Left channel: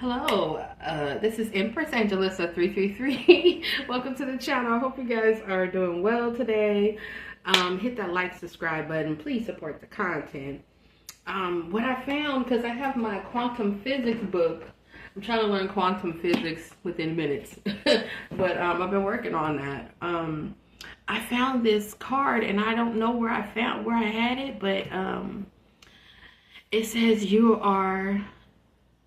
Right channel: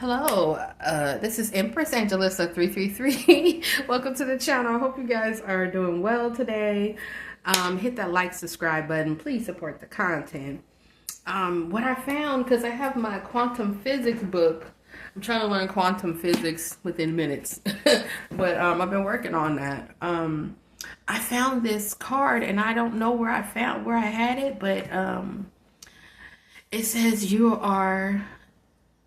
Hello, this is Empress Angelissa 333. Welcome to the channel. I hope you guys are doing well today. Hit that like, subscribe button. Please support the content. What I found, because I have my quantum physics book. I'm trying to learn quantum physics within minutes. But I've been working on that. I found this card, and I don't know where I had it, but it says you are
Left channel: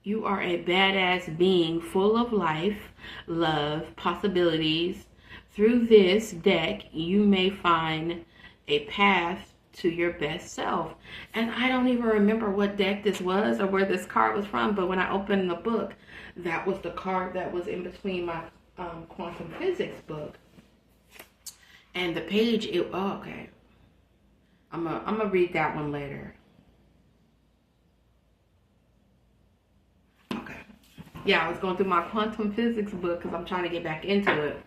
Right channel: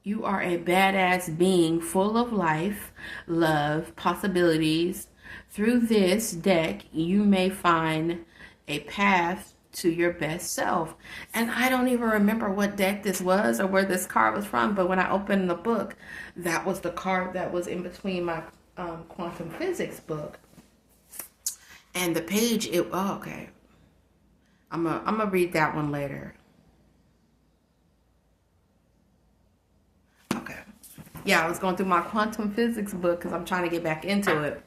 a badass being full of life, love, possibilities. Through this deck, you may find a path to your best self. And I don't even remember what deck this was or where this card was from, but when I opened the book, that was the card that was in between my quantum physics book. And the page, okay. I'm gonna read that one later. Yeah, I was going through my quantum physics book because I'm trying to get back into it.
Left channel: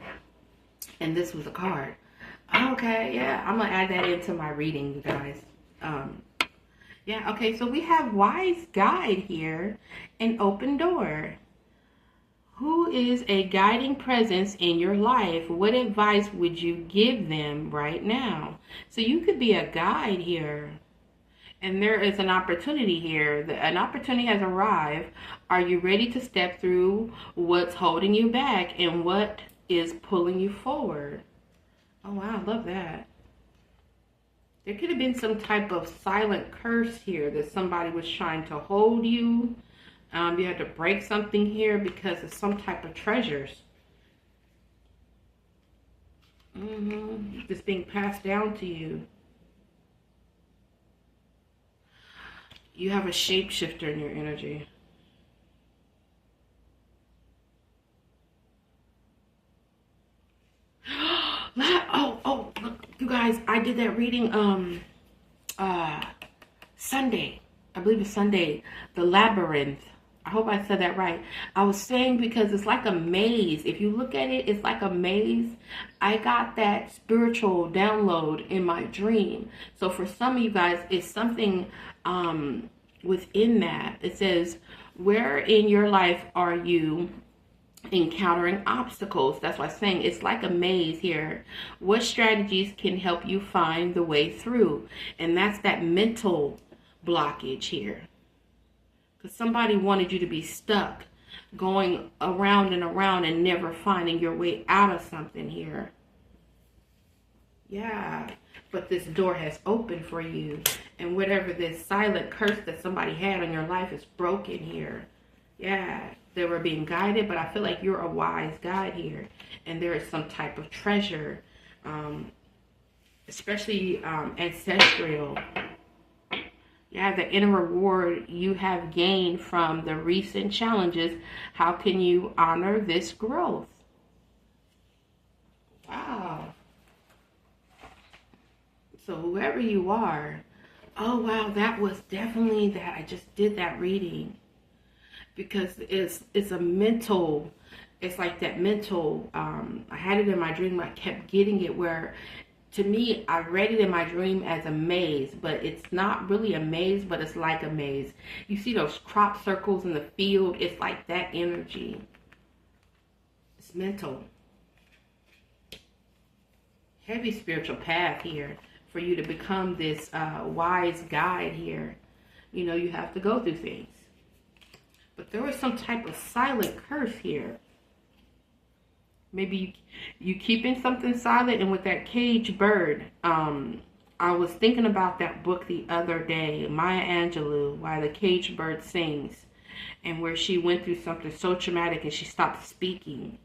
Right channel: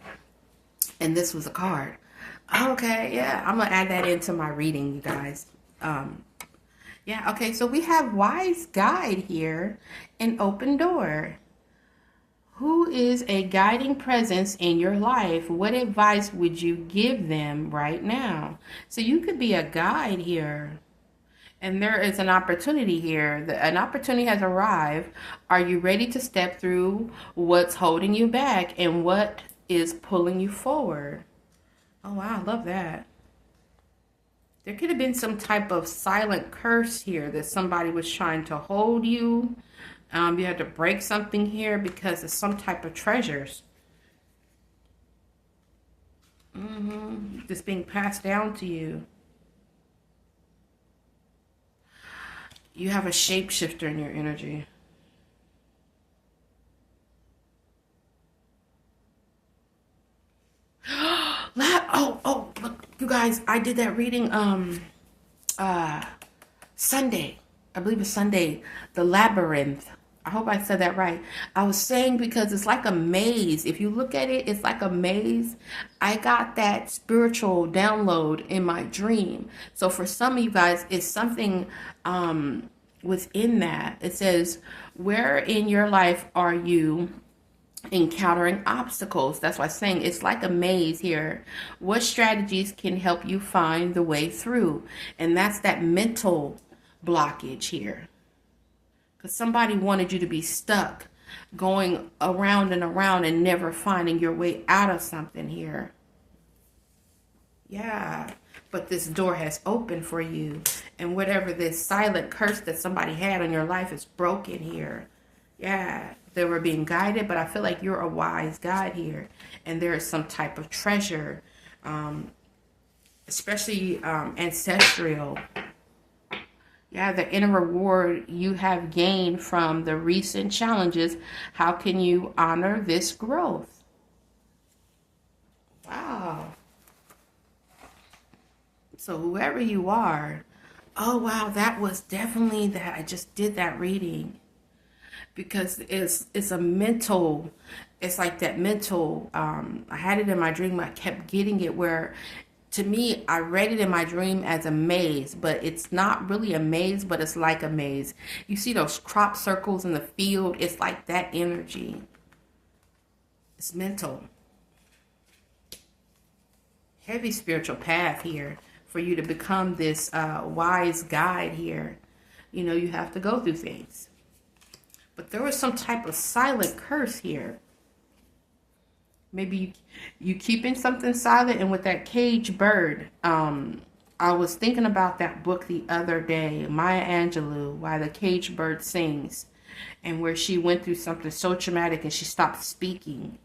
And this was a card. Okay, yeah, I'm going to add that into my reading, you guys. Yeah, okay, so we have Wise Guide here and Open Door. Who is a guiding presence in your life? What advice would you give them right now? So you could be a guide here. And there is an opportunity here. An opportunity has arrived. Are you ready to step through what's holding you back and what is pulling you forward? Oh, wow, I love that. There could have been some type of silent curse here that somebody was trying to hold you. You had to break something here because of some type of treasures. Just being passed down to you. You have a shapeshifter in your energy. Look, you guys, I did that reading Sunday. I believe it's Sunday. The Labyrinth. I hope I said that right. I was saying because it's like a maze. If you look at it, it's like a maze. I got that spiritual download in my dream. So for some of you guys, it's something within that. It says, where in your life are you encountering obstacles? That's why I'm saying it's like a maze here. What strategies can help you find the way through? And that's that mental blockage here. Because somebody wanted you to be stuck going around and around and never finding your way out of something here. Yeah, but this door has opened for you. And whatever this silent curse that somebody had on your life is broken here. Yeah, they were being guided, but I feel like you're a wise guide here. And there is some type of treasure, especially ancestral. Yeah, the inner reward you have gained from the recent challenges. How can you honor this growth? Wow. So whoever you are, oh wow, that was definitely that. I just did that reading because it's a mental. It's like that mental. I had it in my dream. I kept getting it where. To me, I read it in my dream as a maze, but it's not really a maze, but it's like a maze. You see those crop circles in the field? It's like that energy. It's mental. Heavy spiritual path here for you to become this wise guide here. You know, you have to go through things. But there was some type of silent curse here. Maybe you keeping something silent. And with that caged bird, I was thinking about that book the other day, Maya Angelou, Why the Caged Bird Sings, and where she went through something so traumatic and she stopped speaking.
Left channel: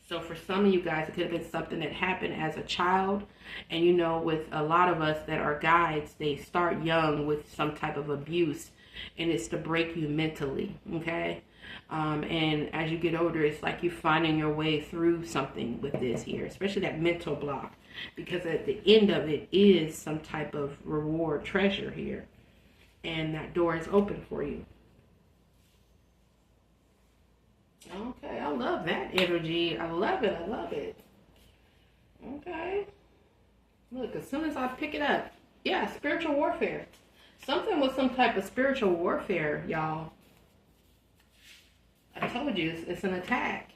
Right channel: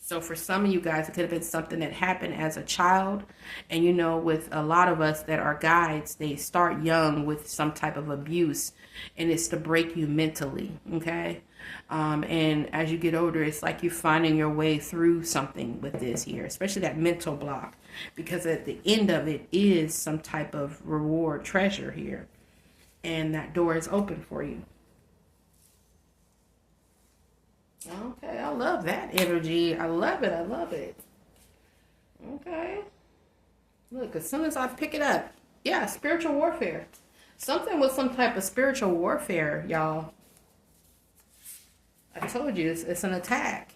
So for some of you guys, it could have been something that happened as a child. And you know, with a lot of us that are guides, they start young with some type of abuse, and it's to break you mentally, okay? And as you get older, it's like you're finding your way through something with this here, especially that mental block, because at the end of it is some type of reward treasure here, and that door is open for you. Okay, I love that energy. I love it. I love it. Okay. Look, as soon as I pick it up, yeah, spiritual warfare. Something with some type of spiritual warfare, y'all. I told you, it's an attack.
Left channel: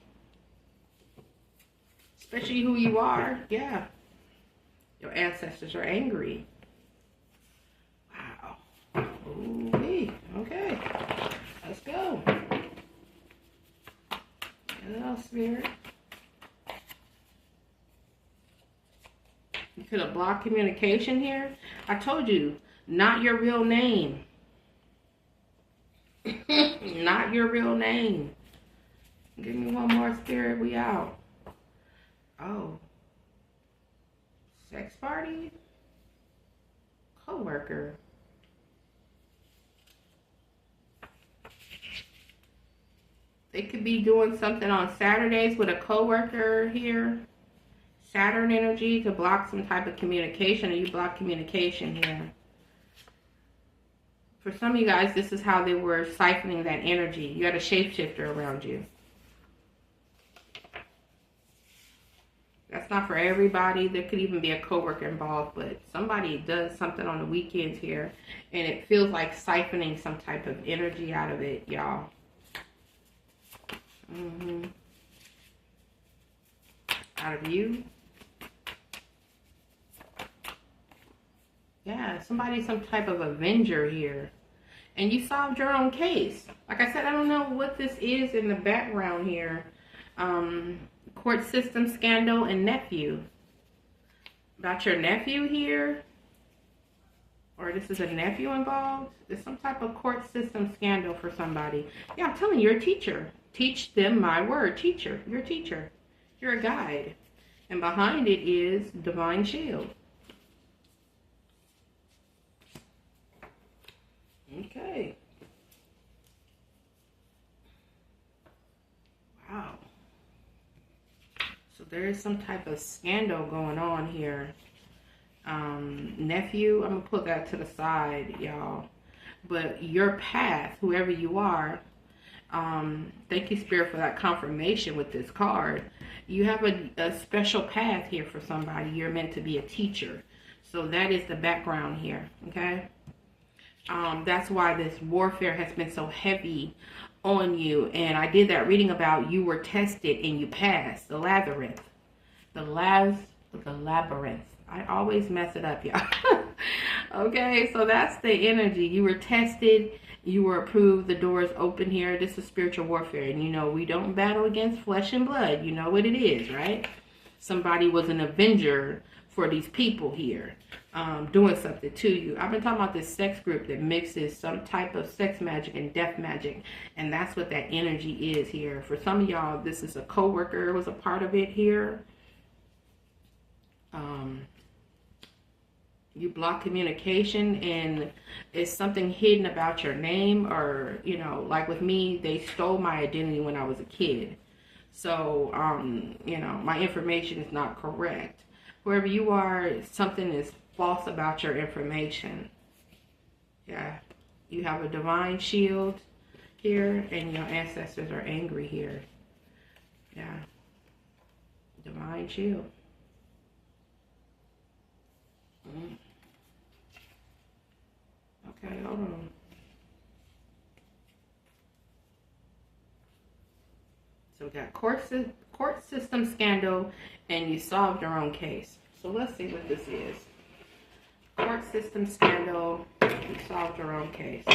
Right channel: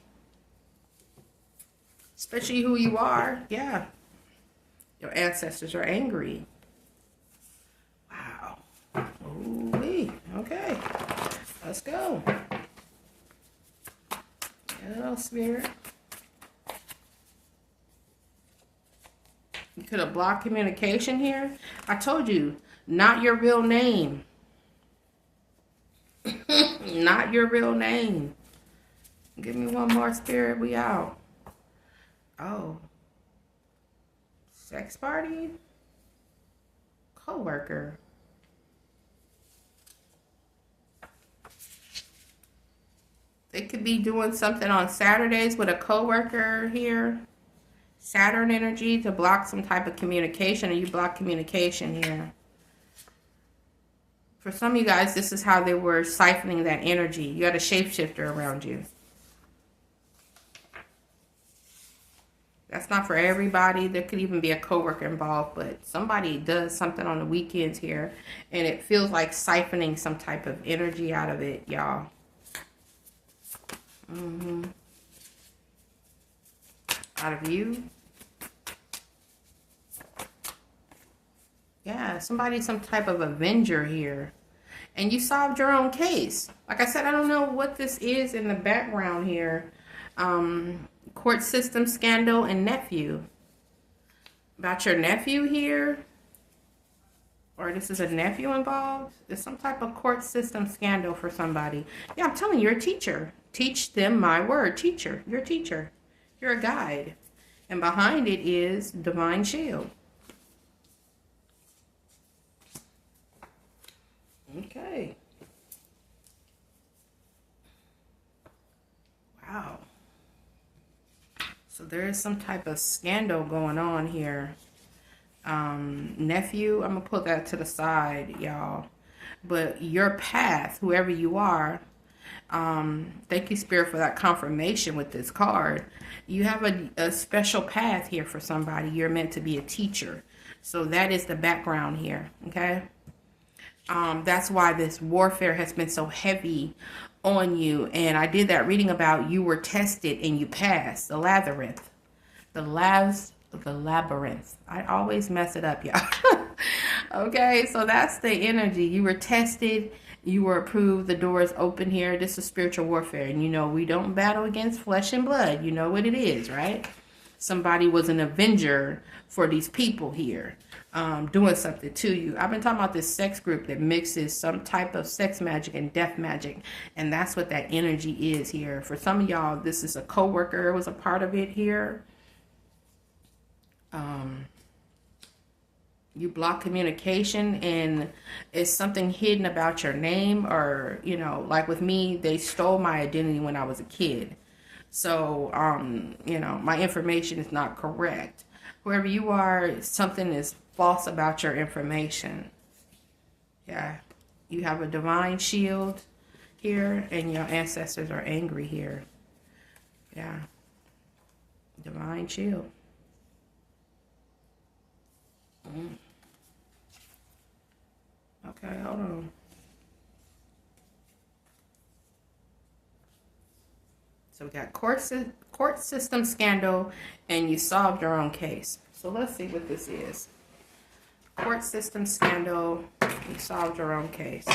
Especially who you are. Yeah. Your ancestors are angry. Wow. Ooh-wee. Okay. Let's go. Hello, Spirit. You could have blocked communication here. I told you, not your real name. Not your real name. Give me one more, Spirit. We out. Oh. Sex party? Co-worker. They could be doing something on Saturdays with a co-worker here. Saturn energy to block some type of communication, or you block communication here. For some of you guys, this is how they were siphoning that energy. You had a shapeshifter around you. That's not for everybody. There could even be a coworker involved, but somebody does something on the weekends here, and it feels like siphoning some type of energy out of it, y'all. Out of you. Yeah, somebody's some type of avenger here. And you solved your own case. Like I said, I don't know what this is in the background here. Court system scandal and nephew. About your nephew here. Or this is a nephew involved. There's some type of court system scandal for somebody. Yeah, I'm telling you, you're a teacher. Teach them my word. Teacher. You're a teacher. You're a guide. And behind it is divine shield. Okay. Wow. So there is some type of scandal going on here. Nephew, I'm going to put that to the side, y'all. But your path, whoever you are, thank you, Spirit, for that confirmation with this card. You have a special path here for somebody. You're meant to be a teacher. So that is the background here, okay? That's why this warfare has been so heavy on you. And I did that reading about you were tested and you passed. The labyrinth. The labyrinth. I always mess it up, y'all. Okay, so that's the energy. You were tested. You were approved. The door is open here. This is spiritual warfare. And you know, we don't battle against flesh and blood. You know what it is, right? Somebody was an avenger for these people here. Doing something to you. I've been talking about this sex group that mixes some type of sex magic and death magic. And that's what that energy is here. For some of y'all, this is a co-worker was a part of it here. You block communication, and it's something hidden about your name, or, you know, like with me, they stole my identity when I was a kid. So, you know, my information is not correct. Wherever you are, something is false about your information. Yeah. You have a divine shield here, and your ancestors are angry here. Yeah. Divine shield. Okay, hold on. So we got court system scandal, and you solved your own case. So let's see what this is. Court system scandal, you solved your own case.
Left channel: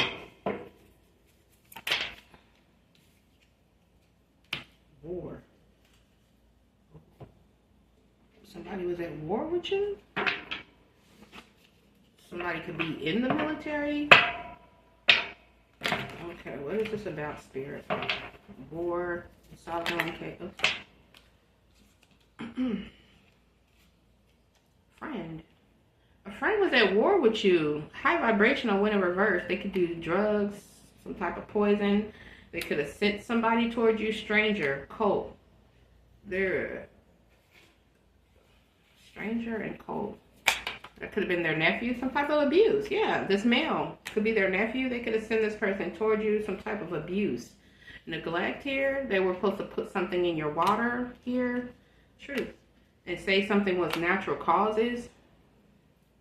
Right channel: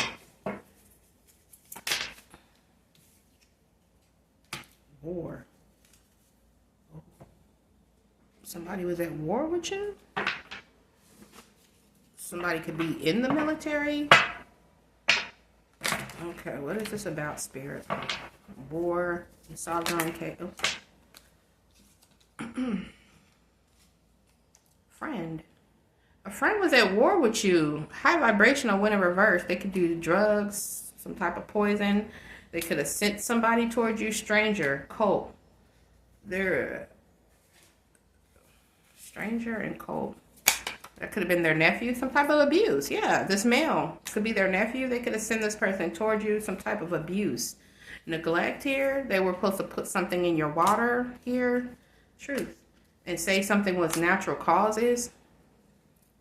War. Somebody was at war with you? Somebody could be in the military. Okay, what is this about, Spirit? War. You solved your own case. Friend. A friend was at war with you. High vibrational went in reverse. They could do drugs, some type of poison. They could have sent somebody towards you. Stranger, cult. They're stranger and cult. That could have been their nephew, some type of abuse. Yeah, this male could be their nephew. They could have sent this person towards you, some type of abuse. Neglect here. They were supposed to put something in your water here. Truth. And say something was natural causes,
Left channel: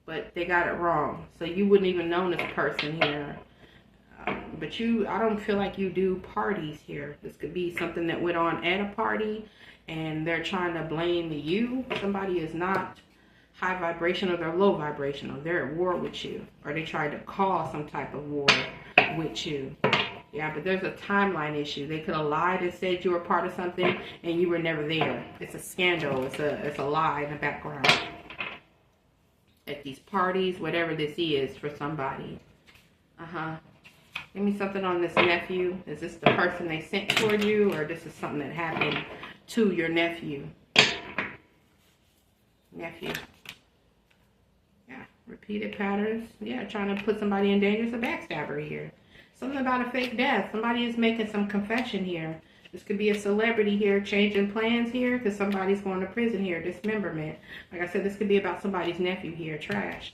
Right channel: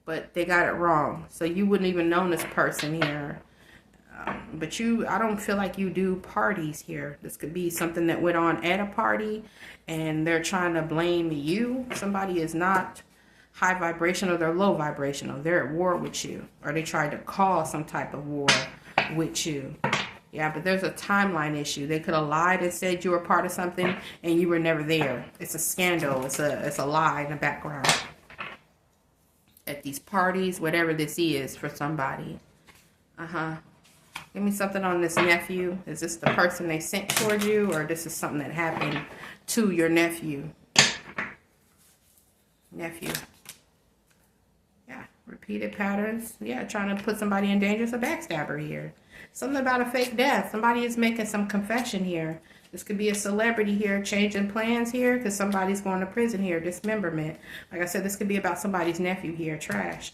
but they got it wrong. So you wouldn't even know this person here. But I don't feel like you do parties here. This could be something that went on at a party and they're trying to blame you. Somebody is not high vibrational, they're low vibrational. They're at war with you, or they tried to cause some type of war with you. Yeah, but there's a timeline issue. They could have lied and said you were part of something and you were never there. It's a scandal. It's a lie in the background. At these parties, whatever this is for somebody. Give me something on this nephew. Is this the person they sent toward you, or this is something that happened to your nephew? Nephew. Yeah, repeated patterns. Yeah, trying to put somebody in danger. It's a backstabber here. Something about a fake death. Somebody is making some confession here. This could be a celebrity here changing plans here because somebody's going to prison here. Dismemberment. Like I said, this could be about somebody's nephew here. Trashed.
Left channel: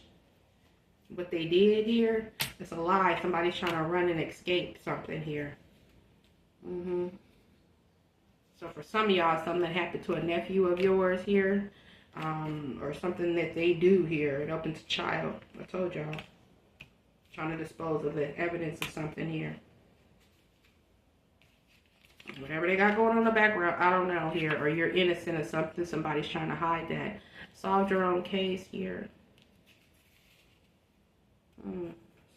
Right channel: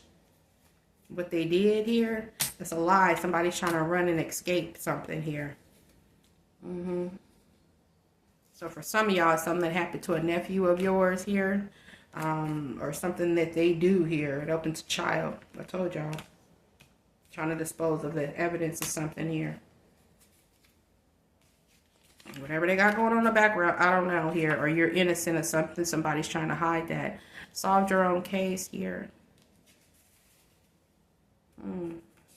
What they did here, it's a lie. Somebody's trying to run and escape something here. So for some of y'all, something that happened to a nephew of yours here, or something that they do here. It opens a child. I told y'all. Trying to dispose of the evidence of something here. Whatever they got going on in the background, I don't know here. Or you're innocent of something. Somebody's trying to hide that. Solve your own case here.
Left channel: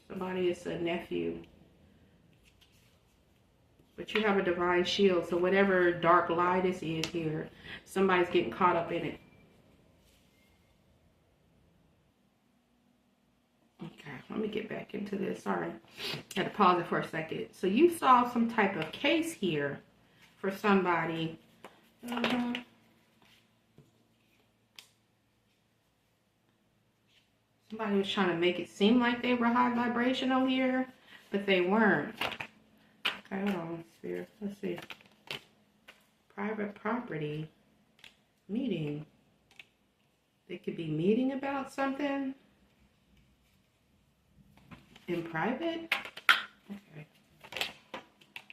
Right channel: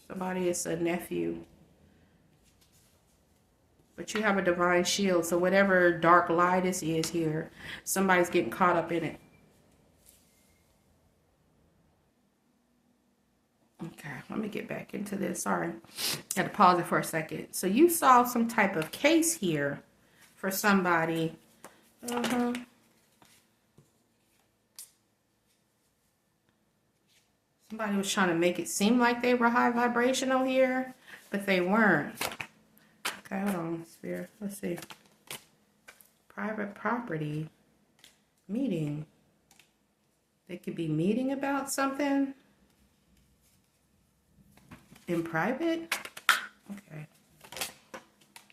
Somebody is a nephew. But you have a divine shield. So whatever dark lie this is here, somebody's getting caught up in it. Okay, let me get back into this. Sorry. I had to pause it for a second. So you solved some type of case here for somebody. Somebody was trying to make it seem like they were high vibrational here, but they weren't. Okay, hold on, Sphere. Let's see. Private property. Meeting. They could be meeting about something in private. Okay.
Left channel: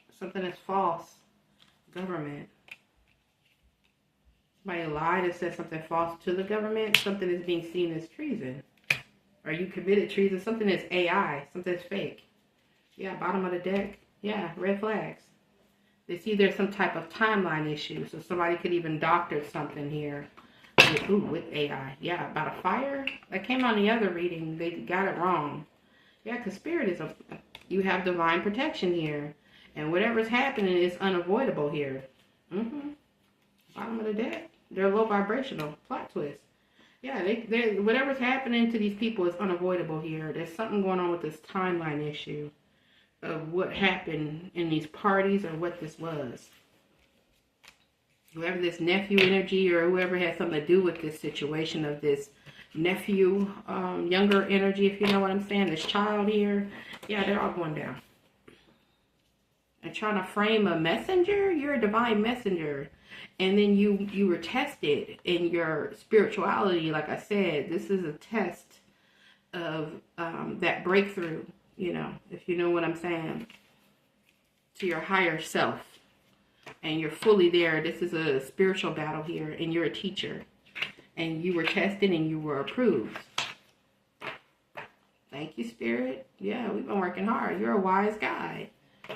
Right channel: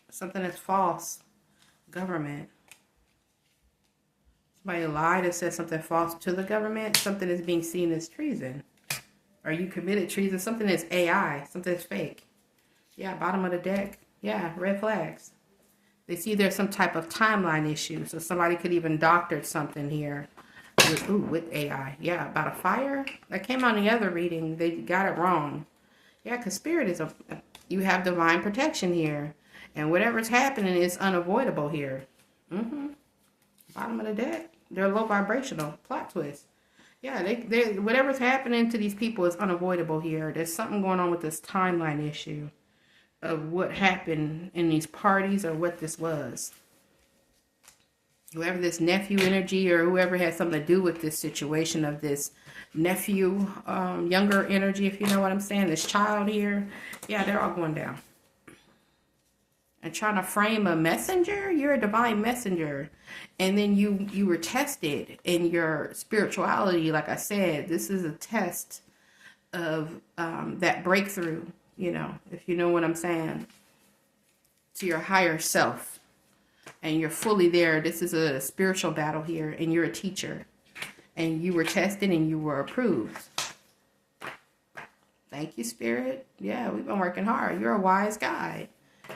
Something that's false. Government. Somebody lied and said something false to the government. Something is being seen as treason. Or you committed treason. Something that's AI. Something that's fake. Yeah, bottom of the deck. Yeah, red flags. They see there's some type of timeline issue. So somebody could even doctor something here with AI. Yeah, about a fire. That came on the other reading. They got it wrong. Yeah, because spirit is you have divine protection here. And whatever's happening is unavoidable here. Bottom of the deck. They're low vibrational. Plot twist. Yeah, they whatever's happening to these people is unavoidable here. There's something going on with this timeline issue of what happened in these parties or what this was. Whoever this nephew energy or whoever had something to do with this situation of this nephew, younger energy, if you know what I'm saying, this child here. Yeah, they're all going down. And trying to frame a messenger, you're a divine messenger. And then you were tested in your spirituality. Like I said, this is a test of that breakthrough, you know, if you know what I'm saying, to your higher self. And you're fully there. This is a spiritual battle here, and you're a teacher. And you were tested and you were approved. Thank you, Spirit. Yeah, we've been working hard. You're a wise guy.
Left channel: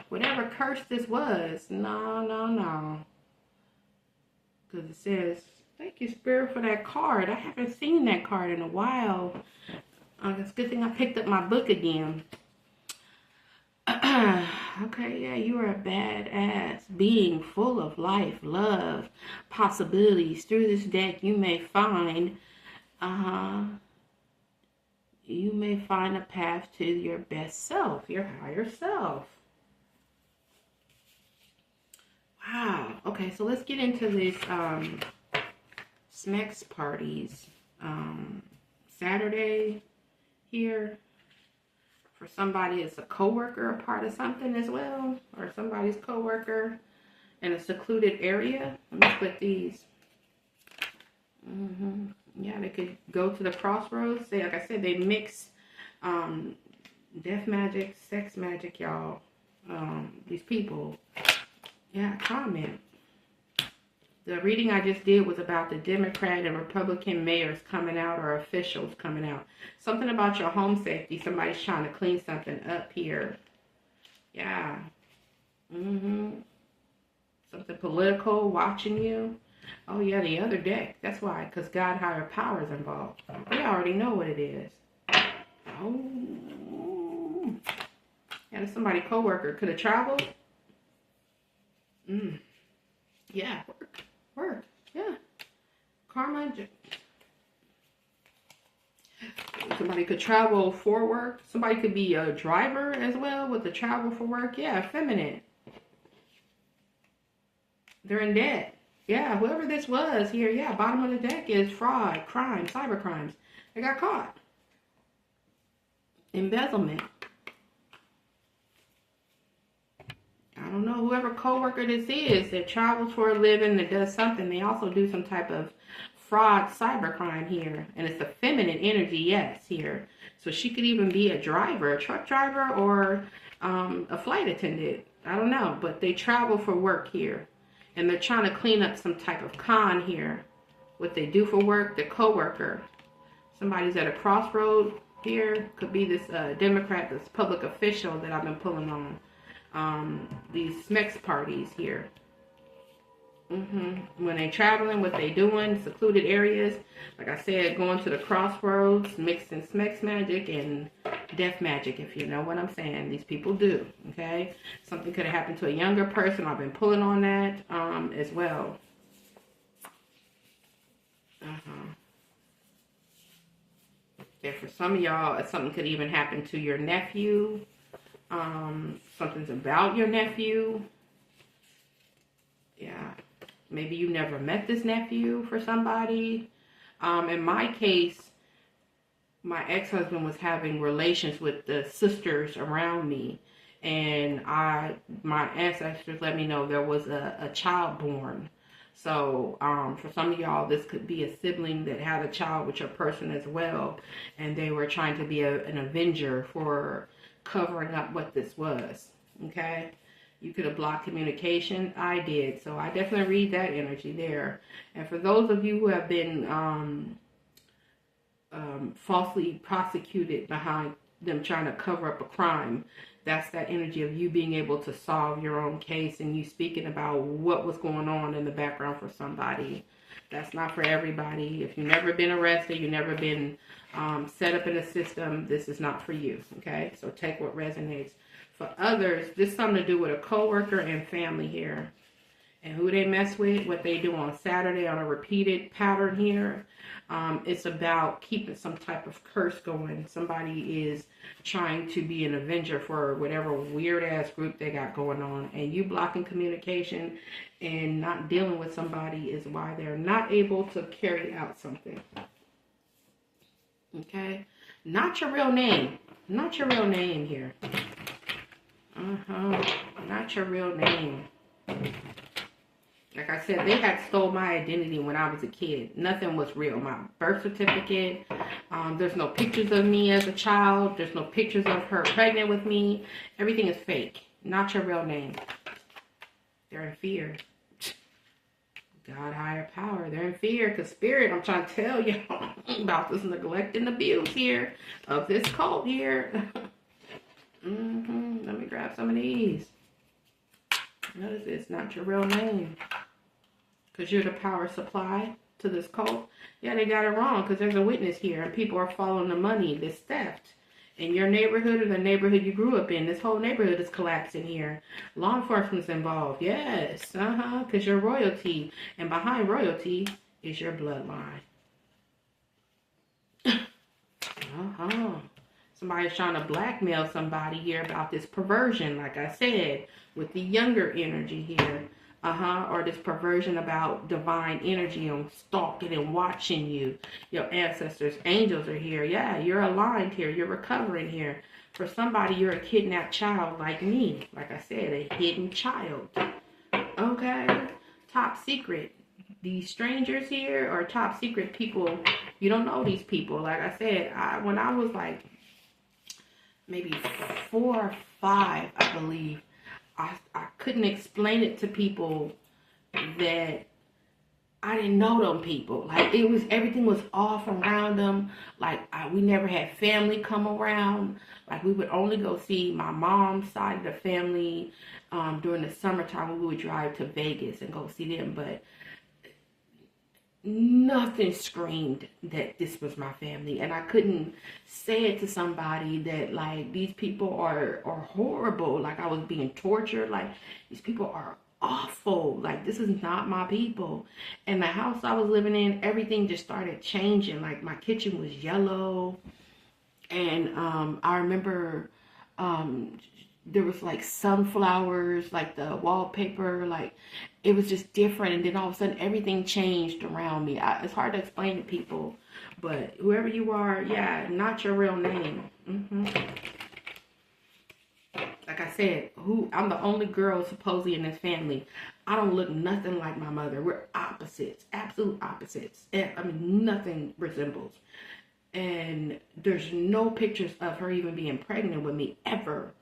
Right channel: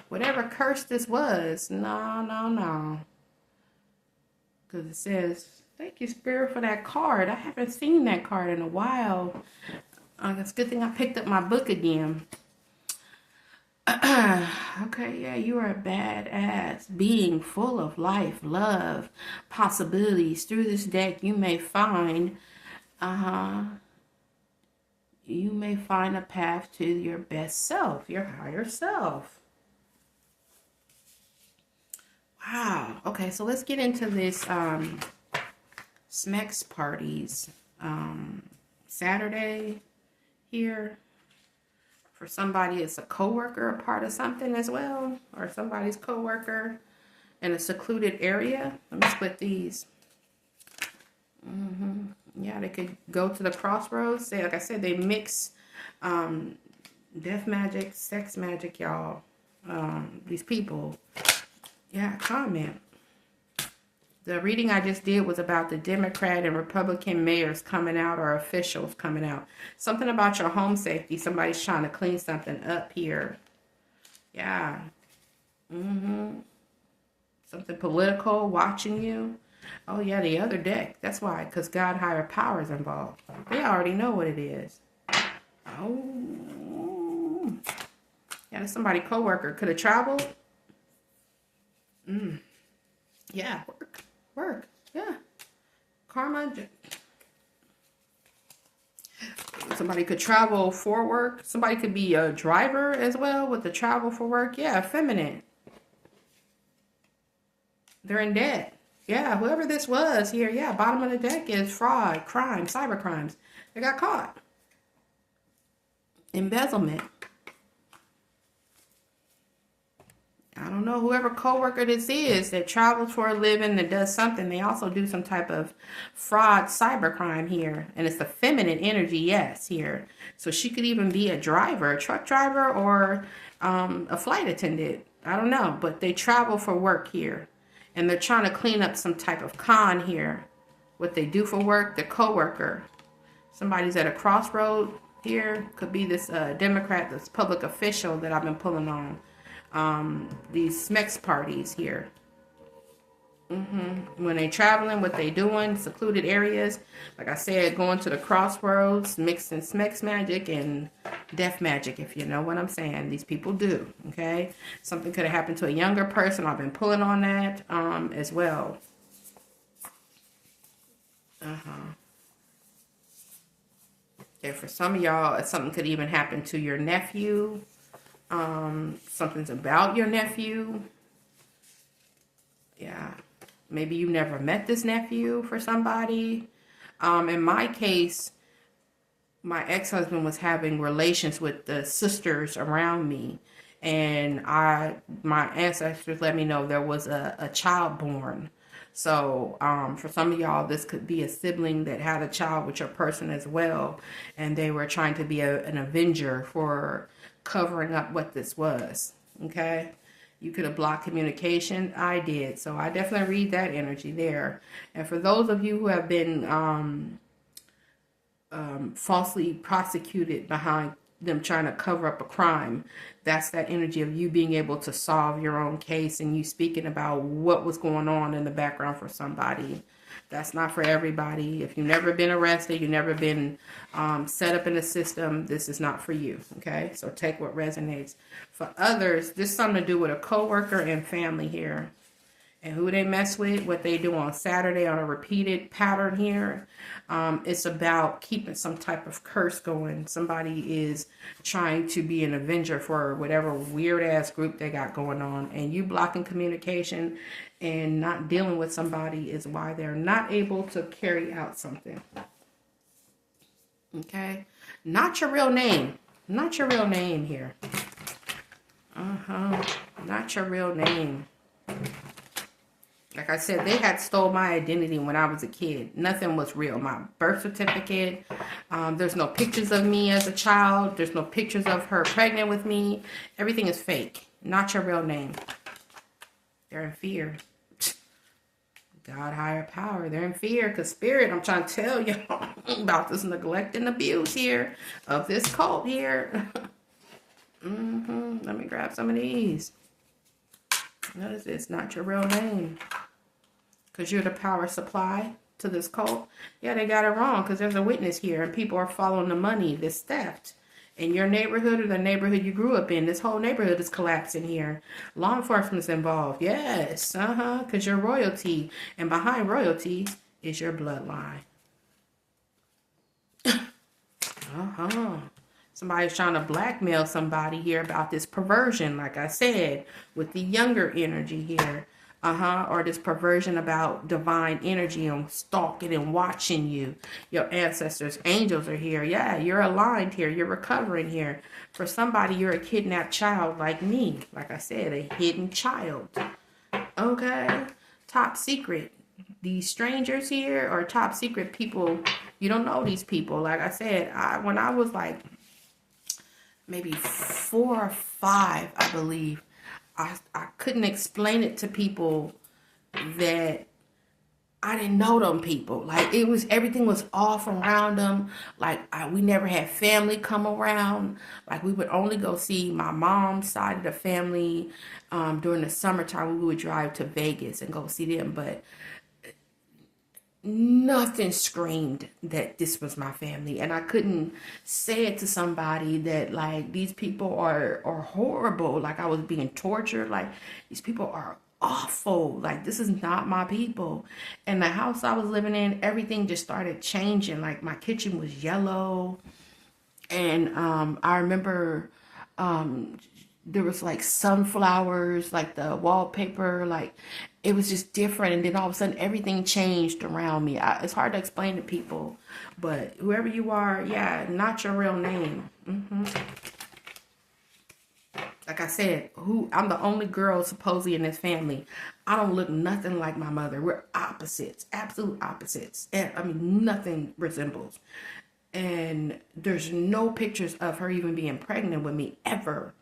Whatever curse this was, no. Because it says, thank you, Spirit, for that card. I haven't seen that card in a while. It's a good thing I picked up my book again. Okay, yeah, you are a badass being full of life, love, possibilities. Through this deck, you may find, a path to your best self, your higher self. Wow. Okay, so let's get into this next parties. Saturday here. For somebody, it's a coworker, a part of something as well, or somebody's coworker in a secluded area. Let me split these. Yeah, they could go to the crossroads. Say, like I said, they mix death magic, sex magic, y'all. These people. Yeah, comment. The reading I just did was about the Democrat and Republican mayors coming out, or officials coming out. Something about your home safety. Somebody's trying to clean something up here. Yeah. Something political watching you. Oh yeah, the other deck. That's why, because God higher power is involved. They already know what it is. Oh. Yeah, somebody co-worker could have traveled. Yeah. Work. Yeah. Karma. Somebody could travel for work. Somebody could be a driver as well with the travel for work. Yeah, feminine. They're in debt. Yeah, whoever this was here, yeah, bottom of the deck is fraud, crime, cyber crimes. They got caught. Embezzlement. I don't know, whoever coworker this is that travels for a living, that does something, they also do some type of fraud, cyber crime here. And it's the feminine energy, yes, here. So she could even be a driver, a truck driver, or a flight attendant. I don't know, but they travel for work here. And they're trying to clean up some type of con here. What they do for work, the coworker. Somebody's at a crossroad here. Could be this Democrat, this public official that I've been pulling on. These SMEX parties here. When they're traveling, what they doing, secluded areas. Like I said, going to the crossroads, mixing SMEX magic and death magic, if you know what I'm saying. These people do, okay? Something could have happened to a younger person. I've been pulling on that as well. Yeah, for some of y'all, something could even happen to your nephew. Something's about your nephew. Yeah. Maybe you never met this nephew for somebody. In my case, my ex-husband was having relations with the sisters around me. And my ancestors let me know there was a child born. So for some of y'all, this could be a sibling that had a child with your person as well. And they were trying to be an avenger for covering up what this was. Okay? You could have blocked communication. I did. So I definitely read that energy there. And for those of you who have been falsely prosecuted behind them trying to cover up a crime, that's that energy of you being able to solve your own case and you speaking about what was going on in the background for somebody. That's not for everybody. If you've never been arrested, you've never been set up in a system, this is not for you, okay? So take what resonates. For others, this is something to do with a coworker and family here. And who they mess with, what they do on Saturday on a repeated pattern here. It's about keeping some type of curse going. Somebody is trying to be an avenger for whatever weird ass group they got going on. And you blocking communication and not dealing with somebody is why they're not able to carry out something. Okay? Not your real name. Not your real name here. Not your real name. Like I said, they had stole my identity when I was a kid. Nothing was real. My birth certificate, there's no pictures of me as a child. There's no pictures of her pregnant with me. Everything is fake. Not your real name. They're in fear. God, higher power. They're in fear because spirit, I'm trying to tell you about this neglect and abuse here of this cult here. Let me grab some of these. Notice it's not your real name. Because you're the power supply to this cult. Yeah, they got it wrong because there's a witness here and people are following the money, this theft. In your neighborhood or the neighborhood you grew up in, this whole neighborhood is collapsing here. Law enforcement's involved. Yes, because you're royalty. And behind royalty is your bloodline. Somebody's trying to blackmail somebody here about this perversion, like I said, with the younger energy here. Or this perversion about divine energy on stalking and watching you. Your ancestors, angels are here. Yeah, you're aligned here. You're recovering here. For somebody, you're a kidnapped child like me. Like I said, a hidden child. Okay? Top secret. These strangers here are top secret people. You don't know these people. Like I said, when I was like maybe 4 or 5, I believe, I couldn't explain it to people that I didn't know them people. Like, it was, everything was off around them. Like, we never had family come around. Like, we would only go see my mom's side of the family. During the summertime, we would drive to Vegas and go see them. But nothing screamed that this was my family. And I couldn't say it to somebody that, like, these people are horrible. Like, I was being tortured. Like, these people are awful. Like, this is not my people. And the house I was living in, everything just started changing. Like, my kitchen was yellow. And I remember there was like sunflowers, like the wallpaper, like it was just different. And then all of a sudden everything changed around me. It's hard to explain to people, but whoever you are, yeah, not your real name. Like I said, I'm the only girl supposedly in this family. I don't look nothing like my mother. We're opposites, absolute opposites. And I mean, nothing resembles. And there's no pictures of her even being pregnant with me ever.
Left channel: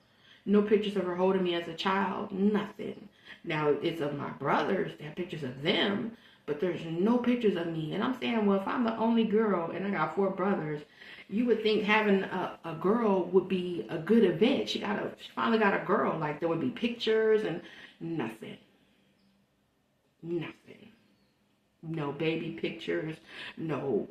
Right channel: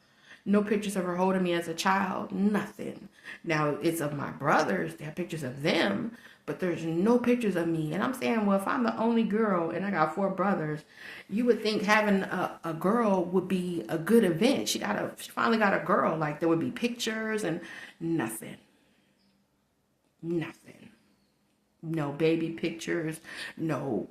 No pictures of her holding me as a child. Nothing. Now, it's of my brothers. They have pictures of them. But there's no pictures of me. And I'm saying, well, if I'm the only girl and I got 4 brothers, you would think having a girl would be a good event. She finally got a girl. Like, there would be pictures and nothing. Nothing. No baby pictures. No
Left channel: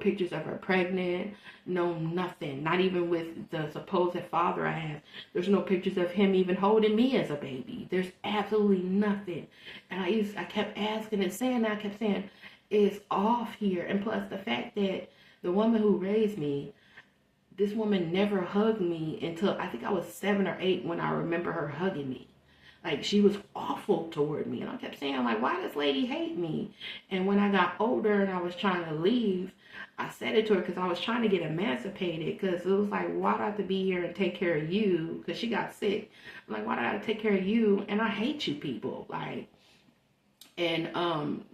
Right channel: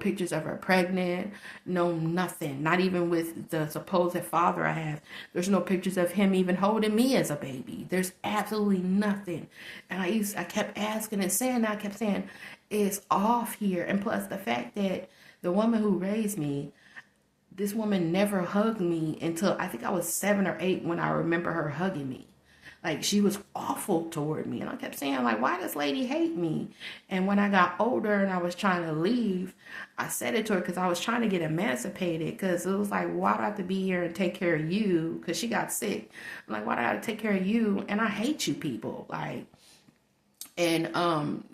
pictures of her pregnant, no nothing. Not even with the supposed father I have. There's no pictures of him even holding me as a baby. There's absolutely nothing. And I kept asking and saying that. I kept saying, it's off here. And plus the fact that the woman who raised me, this woman never hugged me until I think I was 7 or 8 when I remember her hugging me. Like, she was awful toward me. And I kept saying, like, why does this lady hate me? And when I got older and I was trying to leave, I said it to her because I was trying to get emancipated. Because it was like, why do I have to be here and take care of you? Because she got sick. I'm like, why do I have to take care of you? And I hate you people. Like, and,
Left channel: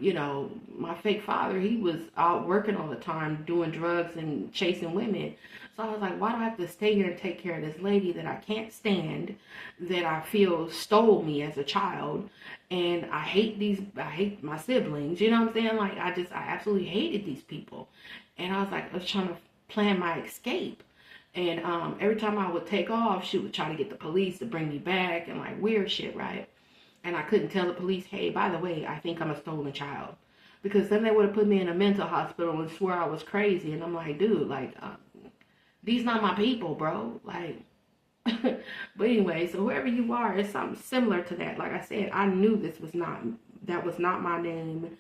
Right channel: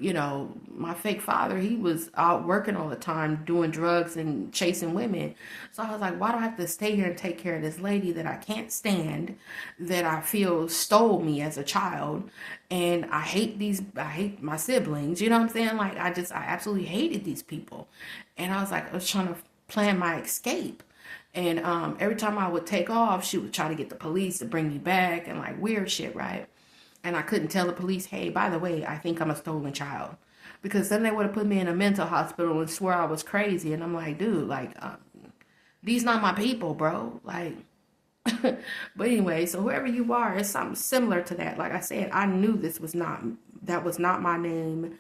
you know, my fake father, he was out working all the time, doing drugs and chasing women. So I was like, why do I have to stay here and take care of this lady that I can't stand, that I feel stole me as a child? And I hate my siblings. You know what I'm saying? Like, I absolutely hated these people. And I was like, I was trying to plan my escape. And every time I would take off, she would try to get the police to bring me back and like weird shit, right? And I couldn't tell the police, hey, by the way, I think I'm a stolen child. Because then they would have put me in a mental hospital and swore I was crazy. And I'm like, dude, like, these not my people, bro. Like, but anyway, so whoever you are, it's something similar to that. Like I said, I knew that was not my name.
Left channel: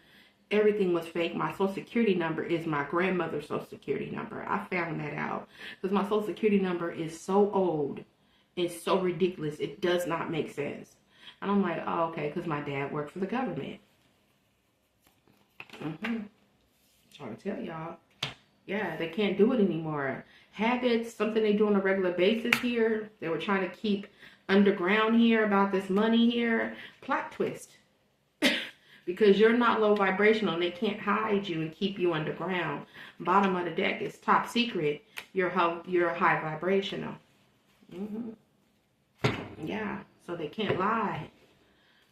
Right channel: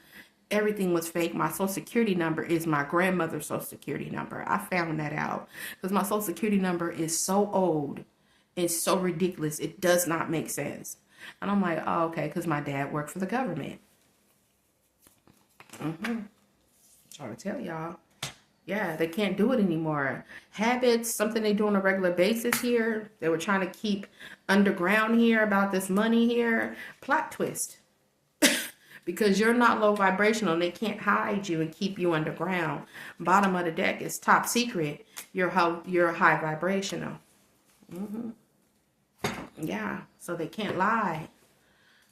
Everything was fake. My social security number is my grandmother's social security number. I found that out. Because my social security number is so old. It's so ridiculous. It does not make sense. And I'm like, oh, okay, because my dad worked for the government. Trying to tell y'all. Yeah, they can't do it anymore. Habits, something they do on a regular basis here. They were trying to keep underground here about this money here. Plot twist. Because you're not low vibrational. They can't hide you and keep you underground. Bottom of the deck is top secret. You're high vibrational. Yeah, so they can't lie.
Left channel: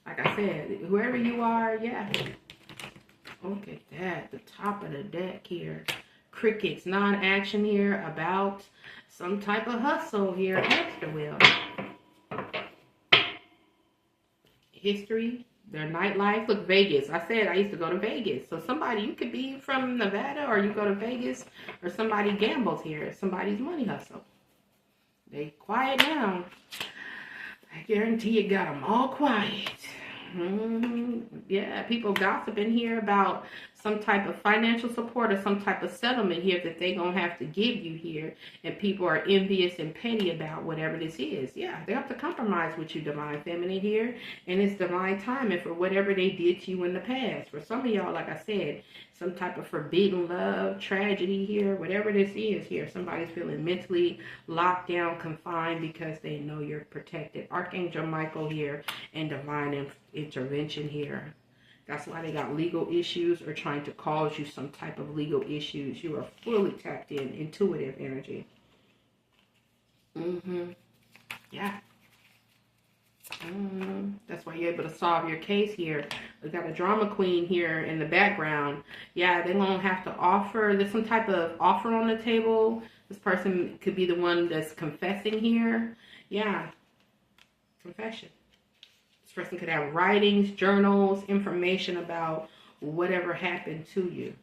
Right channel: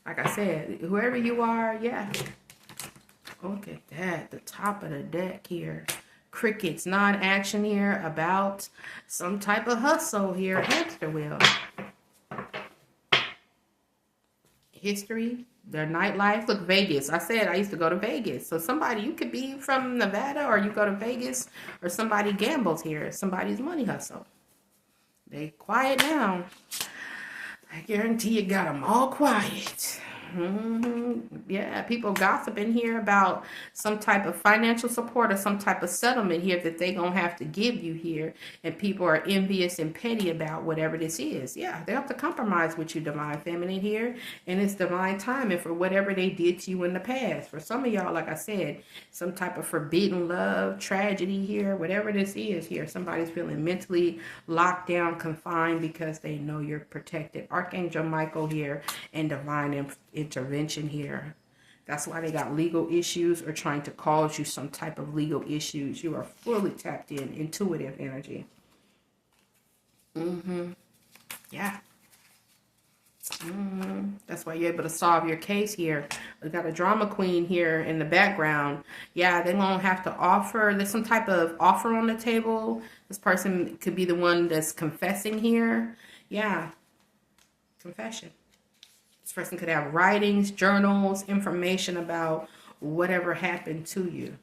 Like I said, whoever you are, yeah. Look at that, the top of the deck here. Crickets, non-action here about some type of hustle here. Hamster wheel. History, their nightlife. Look, Vegas. I said I used to go to Vegas. So somebody, you could be from Nevada or you go to Vegas, or somebody gambles here. Somebody's money hustle. They quiet down. I guarantee you got them all quiet. Yeah, people gossiping here about some type of financial support or some type of settlement here that they gonna have to give you here, and people are envious and petty about whatever this is. Yeah, they have to compromise with you, divine feminine here, and it's divine timing for whatever they did to you in the past. For some of y'all, like I said, some type of forbidden love, tragedy here, whatever this is here. Somebody's feeling mentally locked down, confined because they know you're protected. Archangel Michael here and divine intervention here. That's why they got legal issues or trying to cause you some type of legal issues. You are fully tapped in, intuitive energy. Yeah. That's why you're able to solve your case here. We got a drama queen here in the background. Yeah, they're going to have to offer. There's some type of offer on the table. This person could be the one that's confessing here. Yeah, confession. This person could have writings, journals, information about whatever happened to you.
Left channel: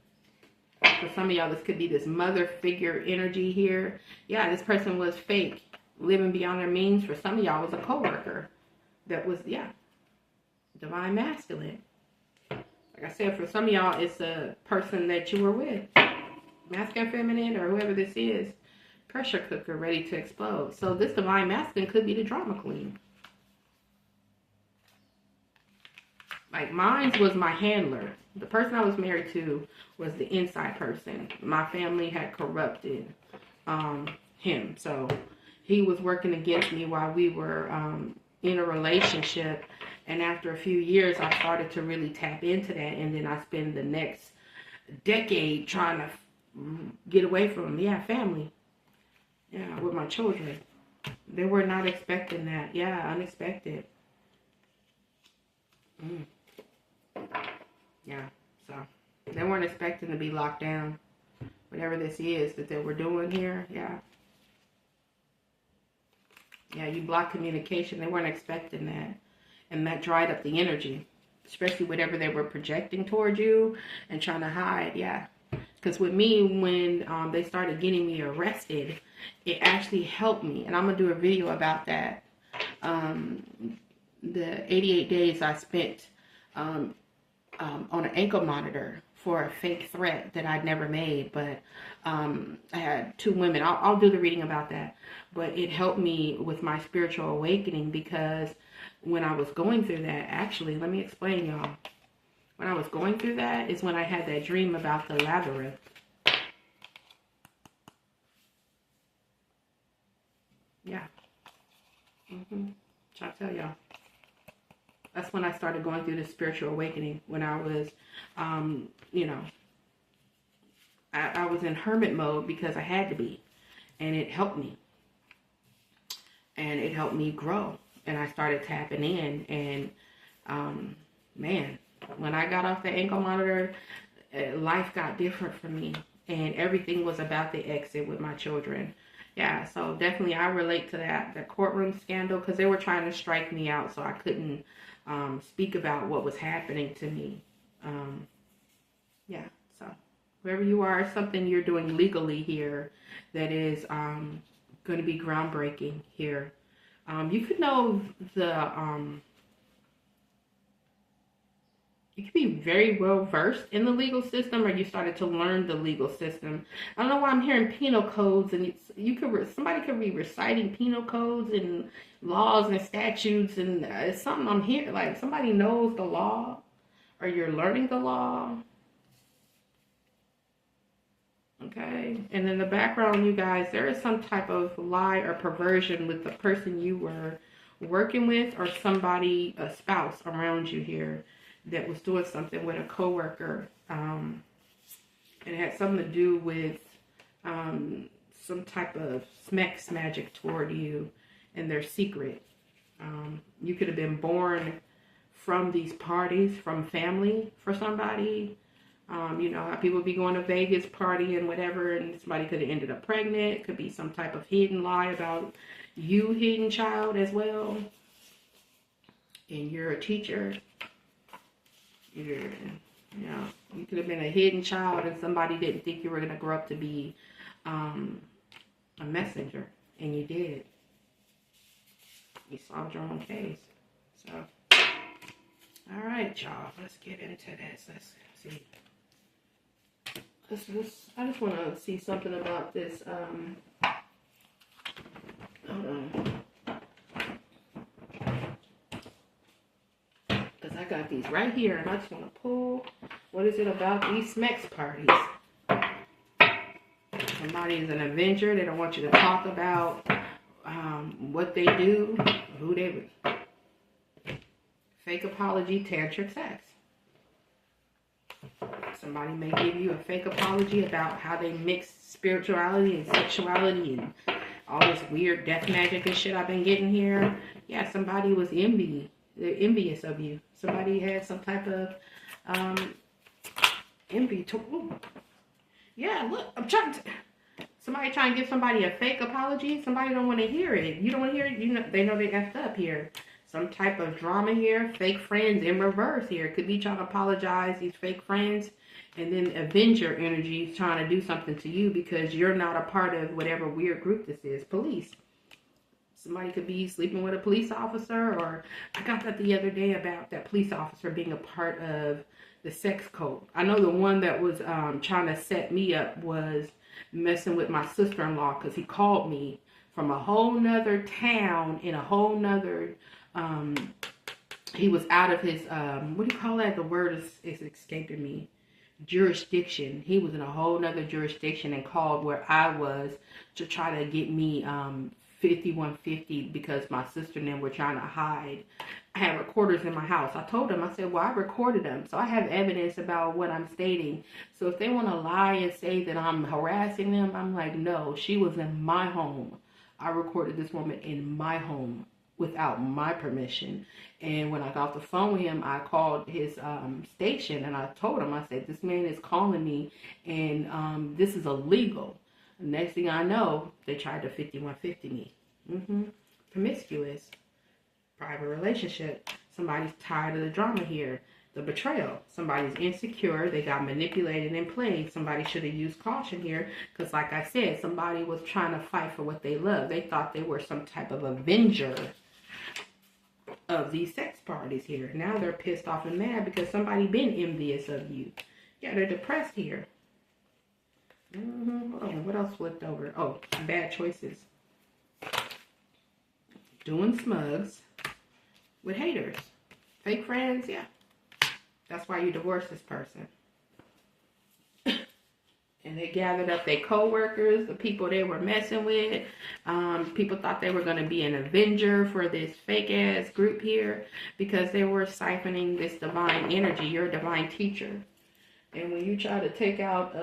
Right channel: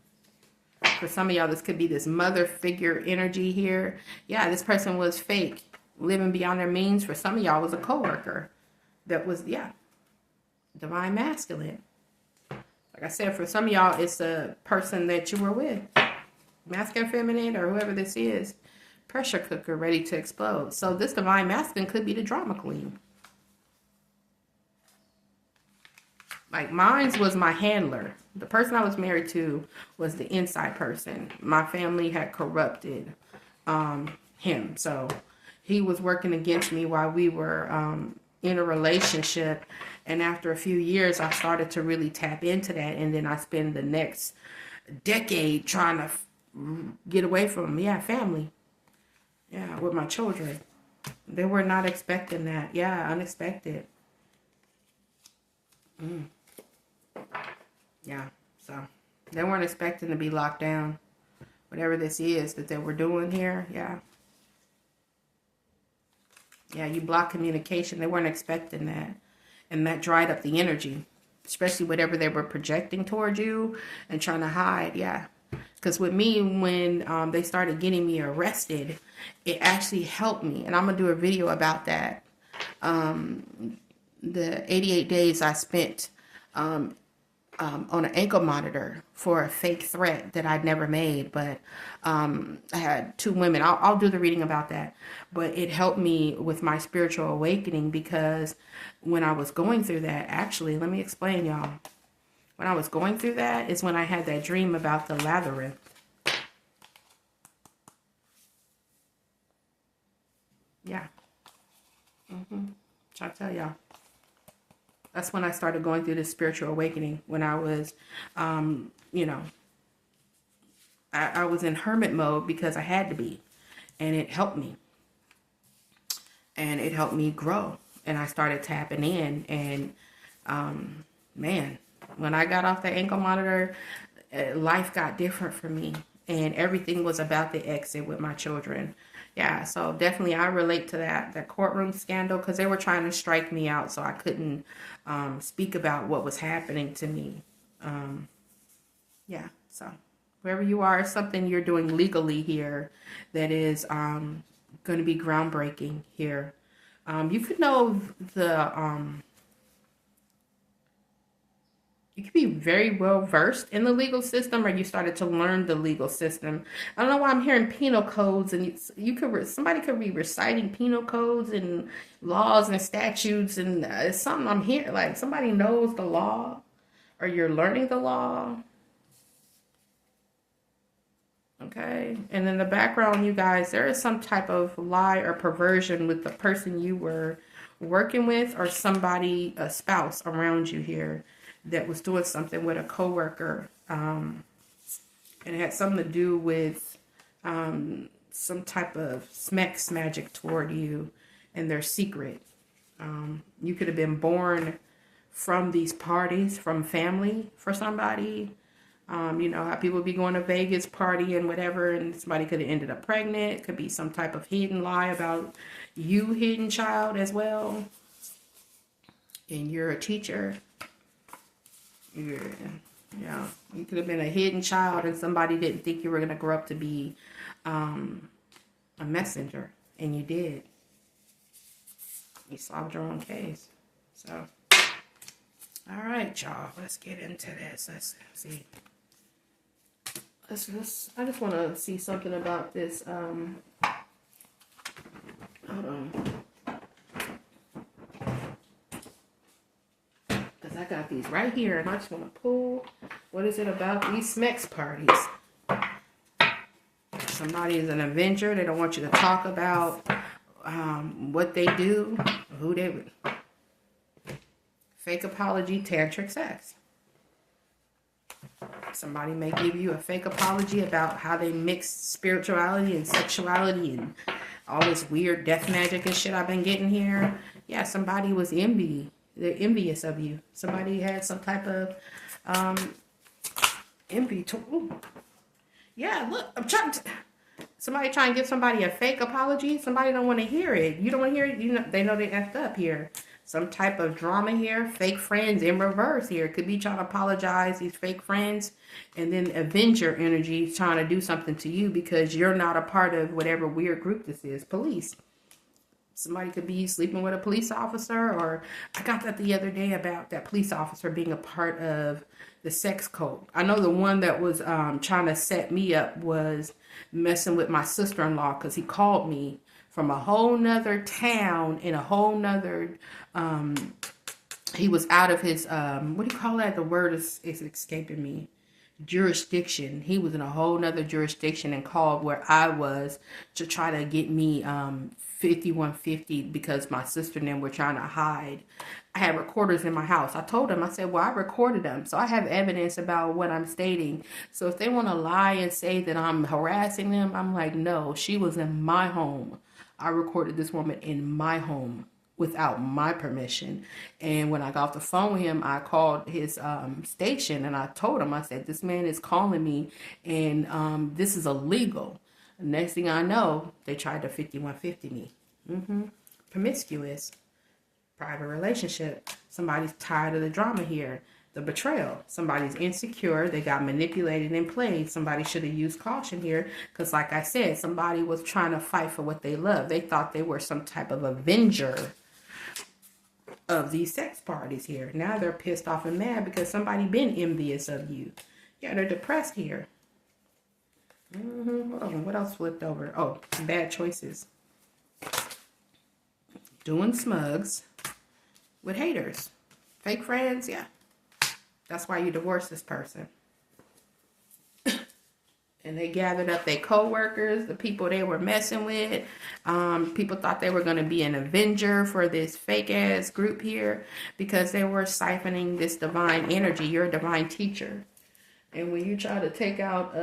For some of y'all, this could be this mother figure energy here. Yeah, this person was fake, living beyond their means. For some of y'all, was a coworker that was, yeah, divine masculine. Like I said, for some of y'all, it's a person that you were with, masculine, feminine, or whoever this is. Pressure cooker ready to explode. So this divine masculine could be the drama queen. Like mine was my handler. The person I was married to was the inside person. My family had corrupted him. So he was working against me while we were in a relationship. And after a few years, I started to really tap into that. And then I spent the next decade trying to get away from him. Yeah, family. Yeah, with my children. They were not expecting that. Yeah, unexpected. Yeah, so they weren't expecting to be locked down. Whatever this is that they were doing here, yeah. Yeah, you block communication. They weren't expecting that. And that dried up the energy, especially whatever they were projecting towards you and trying to hide, yeah. Because with me, when they started getting me arrested, it actually helped me. And I'm going to do a video about that. The 88 days I spent on an ankle monitor for a fake threat that I'd never made, but I had 2 women. I'll do the reading about that, but it helped me with my spiritual awakening, because when I was going through that, actually, let me explain, y'all. When I was going through that is when I had that dream about the labyrinth. Yeah. So I tell y'all. That's when I started going through this spiritual awakening, when I was, you know, I was in hermit mode because I had to be, and it helped me. And it helped me grow, and I started tapping in, and, man, when I got off the ankle monitor, life got different for me, and everything was about the exit with my children. Yeah, so definitely I relate to that courtroom scandal, because they were trying to strike me out, so I couldn't speak about what was happening to me. Yeah, so wherever you are, something you're doing legally here that is going to be groundbreaking here. You could know you could be very well versed in the legal system, or you started to learn the legal system. I don't know why I'm hearing penal codes, and somebody could be reciting penal codes and laws and statutes, and it's something I'm hearing, like somebody knows the law, or you're learning the law. Okay, and in the background, you guys, there is some type of lie or perversion with the person you were working with, or somebody, a spouse around you here, that was doing something with a coworker, and it had something to do with some type of sex magic toward you and their secret. You could have been born from these parties, from family for somebody. You know how people be going to Vegas party and whatever, and somebody could have ended up pregnant. It could be some type of hidden lie about you, hidden child as well. And you're a teacher. You know, you could have been a hidden child, and somebody didn't think you were going to grow up to be a messenger, and you did. You solved your own case. So, all right, y'all, let's get into this. Let's see. I just want to see something about this. Hold on. I got these right here, and I just want to pull. What is it about these sex parties? Somebody is an avenger. They don't want you to talk about what they do, who they. Fake apology, tantric sex. Somebody may give you a fake apology about how they mix spirituality and sexuality and All this weird death magic and shit I've been getting here. Yeah, somebody was they're envious of you. Somebody had some type of envy. Yeah, look, I'm trying to... Somebody trying to give somebody a fake apology. Somebody don't want to hear it. You don't want to hear it. You know, they know they effed up here. Some type of drama here. Fake friends in reverse here. Could be trying to apologize, these fake friends. And then Avenger energy trying to do something to you because you're not a part of whatever weird group this is. Police. Somebody could be sleeping with a police officer. Or I got that the other day about that police officer being a part of the sex cult. I know the one that was trying to set me up was messing with my sister-in-law because he called me from a whole nother town in a whole nother he was out of his what do you call that? The word is escaping me. Jurisdiction. He was in a whole nother jurisdiction and called where I was to try to get me 5150 because my sister and them were trying to hide. I had recorders in my house. I told them, I said, well, I recorded them, so I have evidence about what I'm stating. So if they want to lie and say that I'm harassing them, I'm like, no, she was in my home. I recorded this woman in my home without my permission. And when I got off the phone with him, I called his station and I told him, I said, this man is calling me and this is illegal. The next thing I know, they tried to 5150 me. Promiscuous. Private relationship. Somebody's tired of the drama here. The betrayal. Somebody's insecure. They got manipulated and played. Somebody should have used caution here. Because like I said, somebody was trying to fight for what they love. They thought they were some type of avenger of these sex parties here. Now they're pissed off and mad because somebody been envious of you. Yeah, they're depressed here. Hold on. What else flipped over? Oh, bad choices. Doing smugs with haters. Fake friends, yeah. That's why you divorce this person. And they gathered up their co-workers, the people they were messing with. People thought they were going to be an avenger for this fake-ass group here because they were siphoning this divine energy. You're a divine teacher. And when you try to take out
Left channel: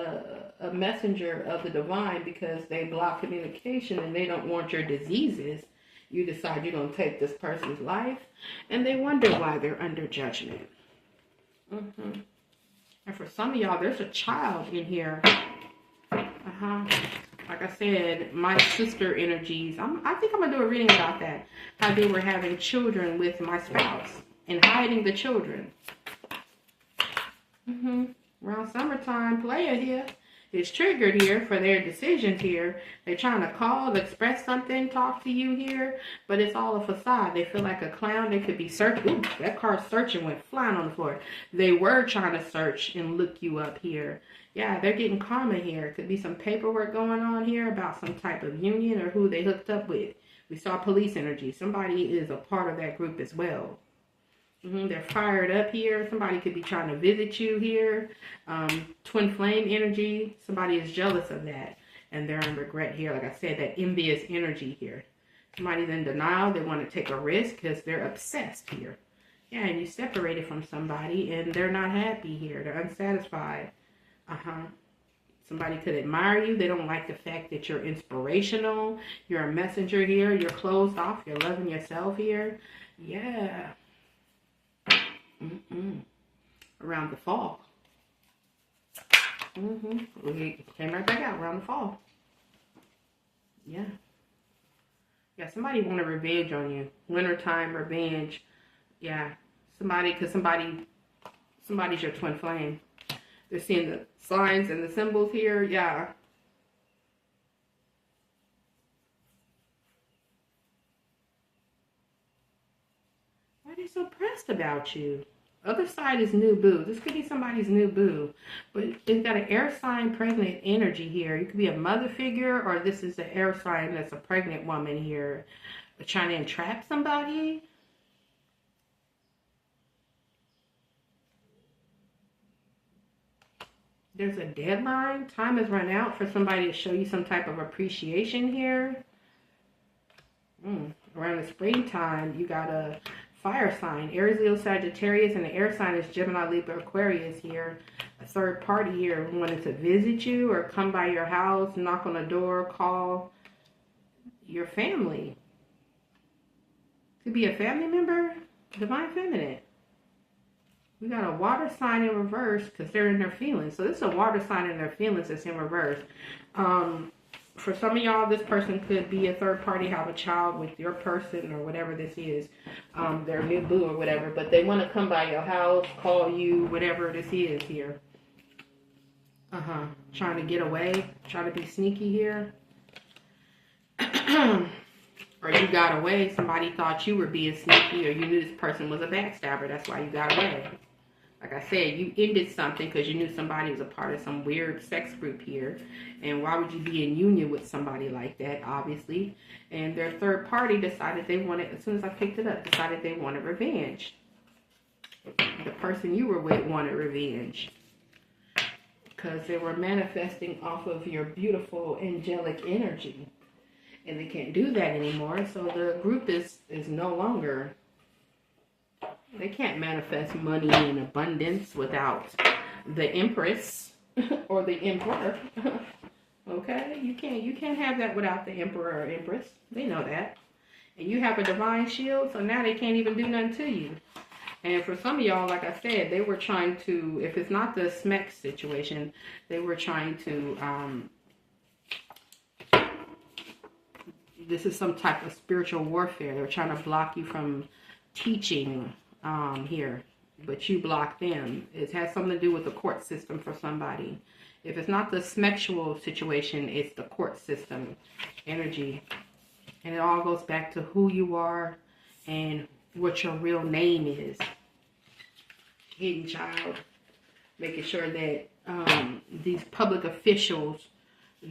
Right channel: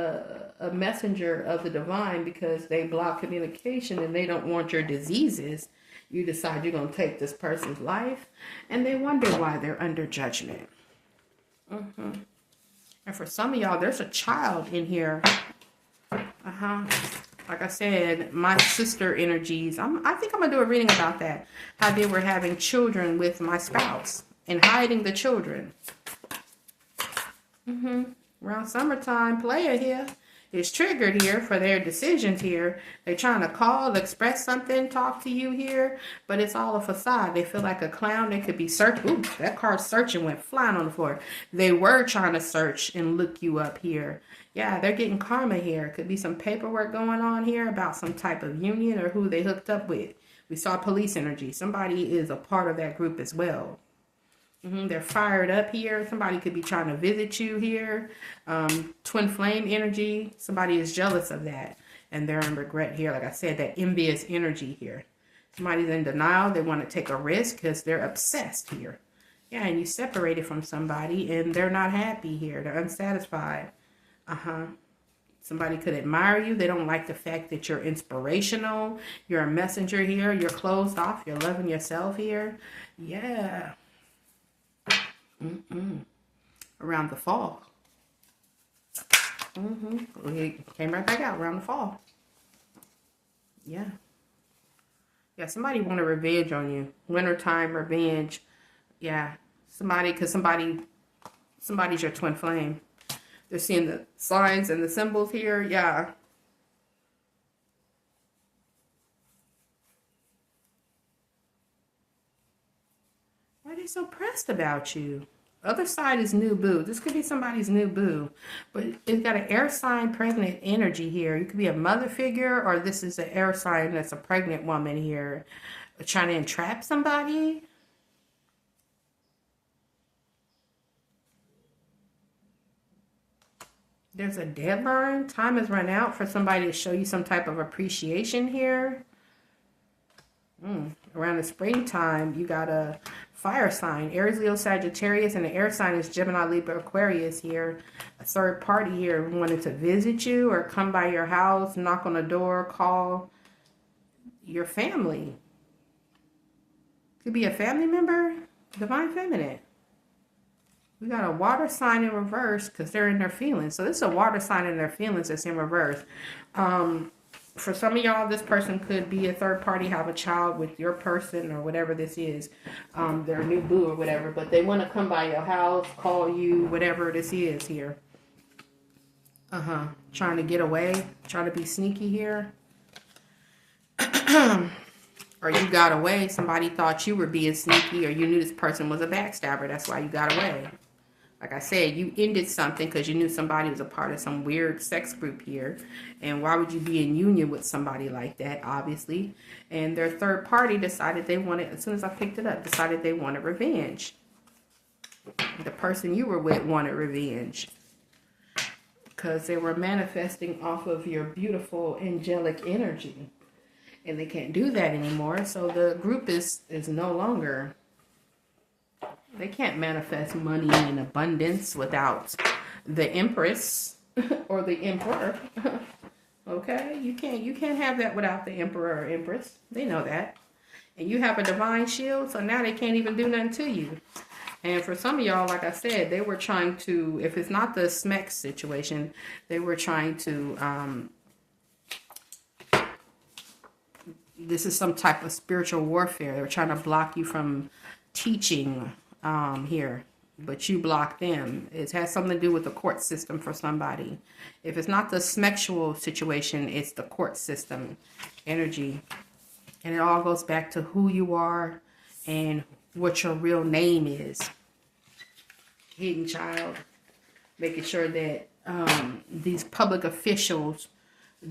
a messenger of the divine because they block communication and they don't want your diseases, you decide you're going to take this person's life, and they wonder why they're under judgment. And for some of y'all, there's a child in here. Like I said, my sister energies, I think I'm going to do a reading about that. How they were having children with my spouse and hiding the children. Around summertime, player here is triggered here for their decisions here. They're trying to call, express something, talk to you here, but it's all a facade. They feel like a clown. They could be searching. Ooh, that card searching went flying on the floor. They were trying to search and look you up here. Yeah, they're getting karma here. Could be some paperwork going on here about some type of union or who they hooked up with. We saw police energy. Somebody is a part of that group as well. They're fired up here. Somebody could be trying to visit you here. Twin flame energy. Somebody is jealous of that. And they're in regret here. Like I said, that envious energy here. Somebody's in denial. They want to take a risk because they're obsessed here. Yeah, and you separated from somebody and they're not happy here. They're unsatisfied. Somebody could admire you. They don't like the fact that you're inspirational. You're a messenger here. You're closed off. You're loving yourself here. Yeah. Around the fall. We came right back out around the fall. Yeah. Yeah, somebody want a revenge on you. Wintertime revenge. Yeah. Somebody, because somebody's your twin flame. They're seeing the signs and the symbols here. Yeah. Why are they so pressed about you? Other side is new boo. This could be somebody's new boo. But it's got an air sign pregnant energy here. You could be a mother figure, or this is an air sign that's a pregnant woman here. Trying to entrap somebody. There's a deadline. Time has run out for somebody to show you some type of appreciation here. Around the springtime, you got a fire sign. Aries, Leo, Sagittarius, and the air sign is Gemini, Libra, Aquarius here. A third party here wanted to visit you or come by your house, knock on the door, call. your family. Could be a family member, divine feminine. We got a water sign in reverse because they're in their feelings. So this is a water sign in their feelings that's in reverse. For some of y'all, this person could be a third party, have a child with your person or whatever this is, their new boo or whatever. But they want to come by your house, call you, whatever this is here. Trying to get away, trying to be sneaky here. Or you got away. Somebody thought you were being sneaky, or you knew this person was a backstabber. That's why you got away. Like I said, you ended something because you knew somebody was a part of some weird sex group here. And why would you be in union with somebody like that, obviously? And their third party decided they wanted, as soon as I picked it up, decided they wanted revenge. The person you were with wanted revenge. Because they were manifesting off of your beautiful angelic energy. And they can't do that anymore. So the group is no longer... They can't manifest money in abundance without the Empress or the Emperor. Okay? You can't have that without the Emperor or Empress. They know that. And you have a divine shield, so now they can't even do nothing to you. And for some of y'all, like I said, they were trying to, if it's not the SMEX situation, they were trying to, this is some type of spiritual warfare. They were trying to block you from teaching here, but you block them. It has something to do with the court system for somebody. If it's not the smexual situation, it's the court system energy. And it all goes back to who you are and what your real name is. Hidden child. Making sure that these public officials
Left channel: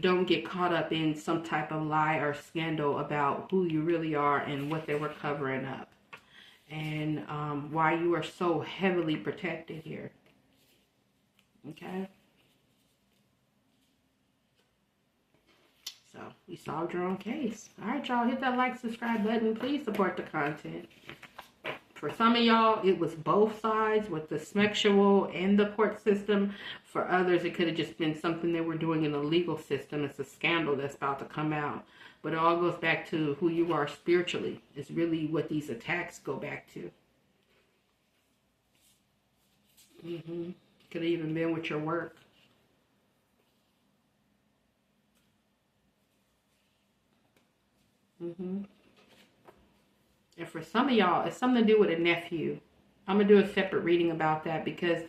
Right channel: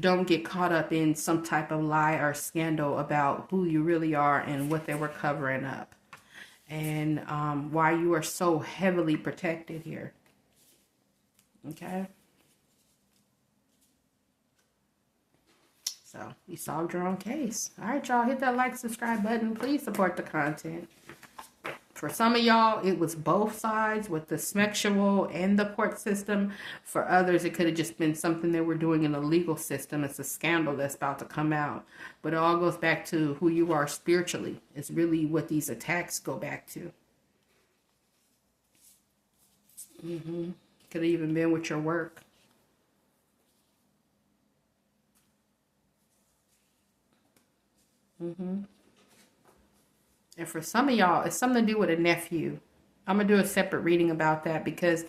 don't get caught up in some type of lie or scandal about who you really are and what they were covering up. And why you are so heavily protected here. Okay? So, you solved your own case. All right, y'all. Hit that like, subscribe button. Please support the content. For some of y'all, it was both sides with the smexual and the court system. For others, it could have just been something they were doing in the legal system. It's a scandal that's about to come out. But it all goes back to who you are spiritually. It's really what these attacks go back to. Could have even been with your work. And for some of y'all, it's something to do with a nephew. I'm going to do a separate reading about that because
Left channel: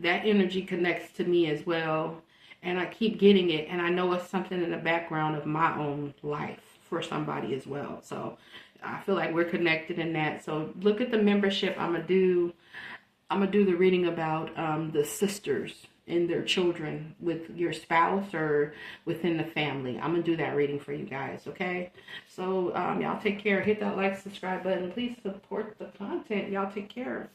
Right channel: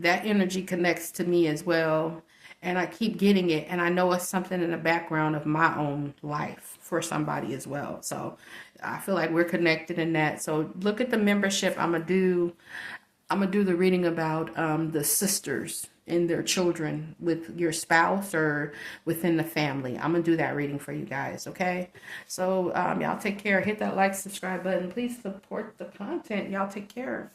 that energy connects to me as well. And I keep getting it. And I know it's something in the background of my own life for somebody as well. So I feel like we're connected in that. So look at the membership. I'm going to do the reading about the sisters and their children with your spouse or within the family. I'm going to do that reading for you guys. Okay. So y'all take care. Hit that like, subscribe button. Please support the content. Y'all take care.